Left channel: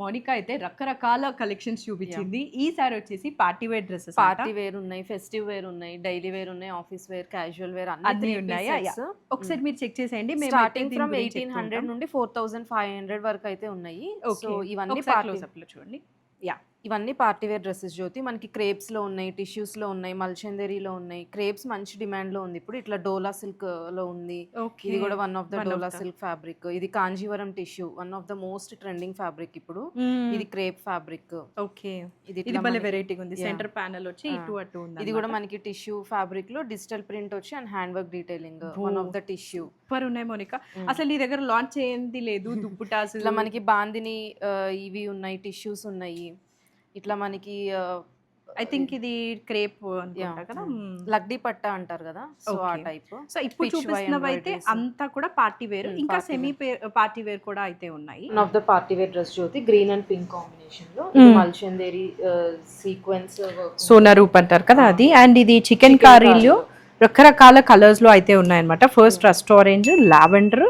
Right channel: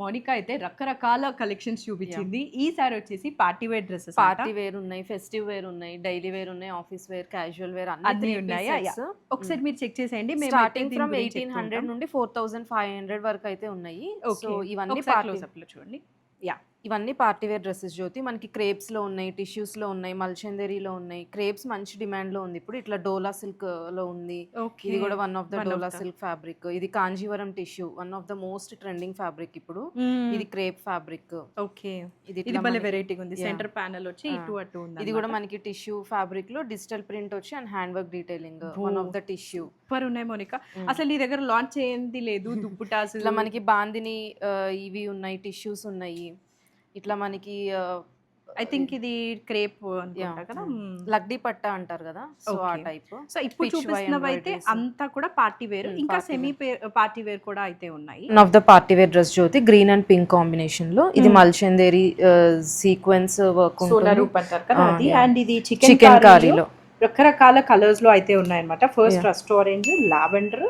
మోనికా అయితే రకరకాల కలెక్షన్స్ చూపించింది. ఈసారి వచ్చేసి party wear dresses, party wear ఉన్నాయి, ఫెస్టివ్ వేర్ ఉన్నాయి, డైలీ వేర్ ఉన్నాయి, ఆఫీస్ వేర్, క్యాజువల్ వేర్ అన్ని ఉన్నాయి. ఒకసారి మీరు చెక్ చేసేయండి. స్టార్టింగ్ ఫ్రమ్ 1800 నుండి 4500 వరకు అయితే ఉన్నాయి. సో ఇవన్నీ క్లోజప్లో చూడండి. ఇవన్నీ పార్టీ వేర్ డ్రెస్సెస్ జ్యోతి. మనకి క్రేప్స్ లో ఉన్నాయి, టిష్యూస్ లో ఉన్నాయి, మల్చందరీలో ఉన్నాయి. క్రేప్స్ మంచి డిమాండ్ లో ఉంది ఇప్పుడు. ఇట్లా డోలా సిల్క్ లో ఉంది. ఇది కూడా one of the dola silk fabric. ఇది Kanjeevaram tissue, one of the most trending fabric ఇప్పుడు. ఇది క్రేప్ ఫ్యాబ్రిక్. ఓకే, ఇది భలే వెరైటీగా ఉంది. సెంటర్ ప్యానెల్ వచ్చి ఇటు అటు ఉంది. ఇది కూడా మనకి టిష్యూ ఫ్యాబ్రిక్ లో డిజిటల్ ప్రింట్ వచ్చి and hand work detailing, one of the tissue. Super ఉన్నాయి మోనికా. అసలు నీ దగ్గర లాంచ్ చేయండి లేదు దుప్పుటాస్. ఇట్లా మనకి బాందిని ఇవి ఉన్నాయి, టిష్యూస్ ఉన్నాయి. ఇట్లా మనకి ఐ థింక్ ఇది క్రేప్ కదా, లగ్డీ పట్టా అంటారు కదా, సో ఆ టైప్. సో ఇప్పుడు చూపిస్తున్నవి అయితే అంతా కూడా పార్టీ వేర్, ఇంకా సెమీ పార్టీ వేర్ కూడా అయితే ఉన్నాయి. One of the party wear dress Jyoti, green and pink combination లో. ఇది మల్చందేరి సీక్వెన్స్ వర్క్, సోనా రూప్ అంటారు కదా అది. అండ్ ఇది చికెన్ కర్రీలో రకరకాల కలర్స్ లో అయితే ఉన్నాయన్నమాట. ఫస్ట్ రస్ట్ ఆరెంజ్, లావెండర్,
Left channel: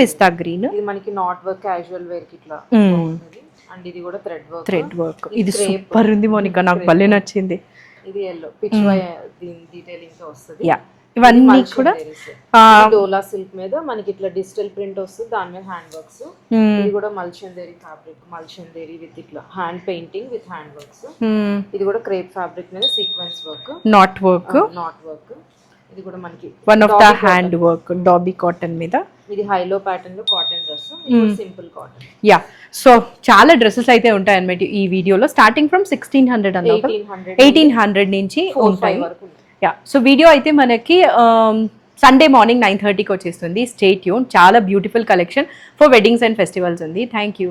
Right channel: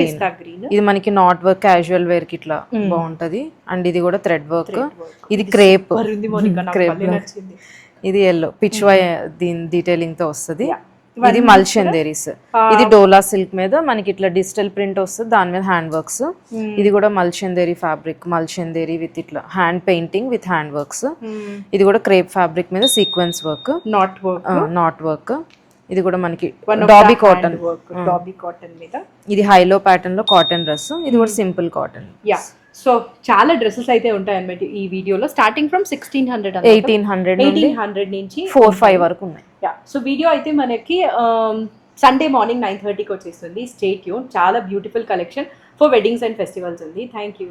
పిస్తా గ్రీన్. ఇది మనకి నాట్ వర్క్, క్యాజువల్ వేర్ కి ఇట్లా బాగుంటది. అండ్ ఇది కూడా థ్రెడ్ వర్క్. ఇది క్రేప్ ఉంది మోనికా, నాకు భలే నచ్చింది. ఇది ఎల్లో పిచ్ వై దీని డీటెయిలింగ్ తో వస్తుంది. ఇది మల్చందేరీస్. ఇది డోలా సిల్క్ మీద మనకి ఇట్లా డిజిటల్ ప్రింట్ వస్తుంది, దాని మీద హ్యాండ్ వర్క్స్. ఇది కూడా మల్చందేరీ ఫ్యాబ్రిక్, మల్చందేరీ విత్ ఇట్లా hand painting with hand works. ఇది కూడా క్రేప్ ఫ్యాబ్రిక్ మీద సీక్వెన్స్ వర్క్, నాట్ వర్క్. ఇది కూడా మనకి హ్యాండ్ వర్క్, డాబీ కాటన్ మీద. ఇది హైలో ప్యాటర్న్ లో కాటన్ డ్రెస్. ఇది కూడా సింపుల్ కాటన్. సో చాలా డ్రెస్సెస్ అయితే ఉంటాయి అన్నమాట ఈ వీడియోలో. స్టార్టింగ్ ఫ్రమ్ 1800 నుంచి 4-5 వరకు ఉన్నాయి. సో వీడియో అయితే మనకి సండే మార్నింగ్ 9:30కి వచ్చేస్తుంది. Stay tune. చాలా beautiful collection for weddings and festivals ఉంది. Thank you.